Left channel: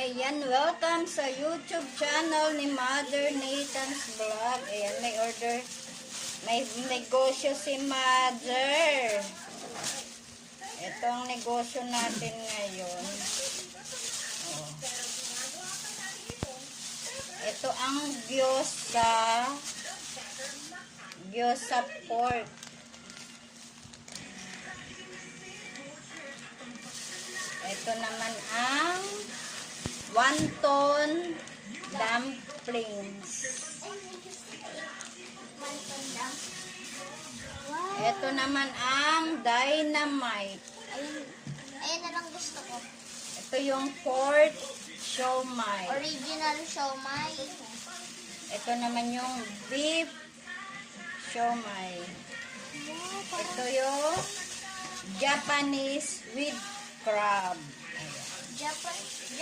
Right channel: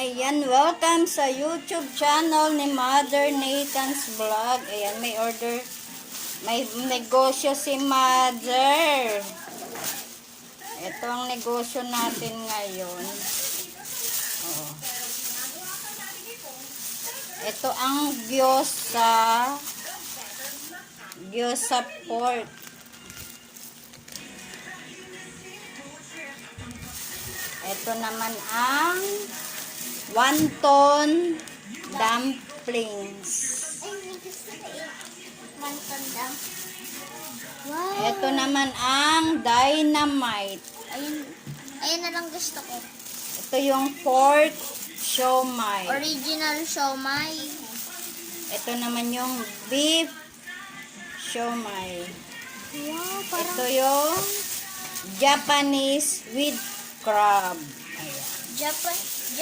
Ayan, welcome sa YouTube channel ni Mother Nathan's Vlog. Ayan, may order, may negosyo si Mother. Ito ang negosyo natin ngayon. Oh. Ito ang gyoza pork. Ito naman ang wonton dumplings. Ito naman ang dynamite. Ayun na lang gusto ko. Ito yung pork siomai. Original siomai. Ito naman yung beef siomai. Wow, Ito yung Japanese with crab. Japan.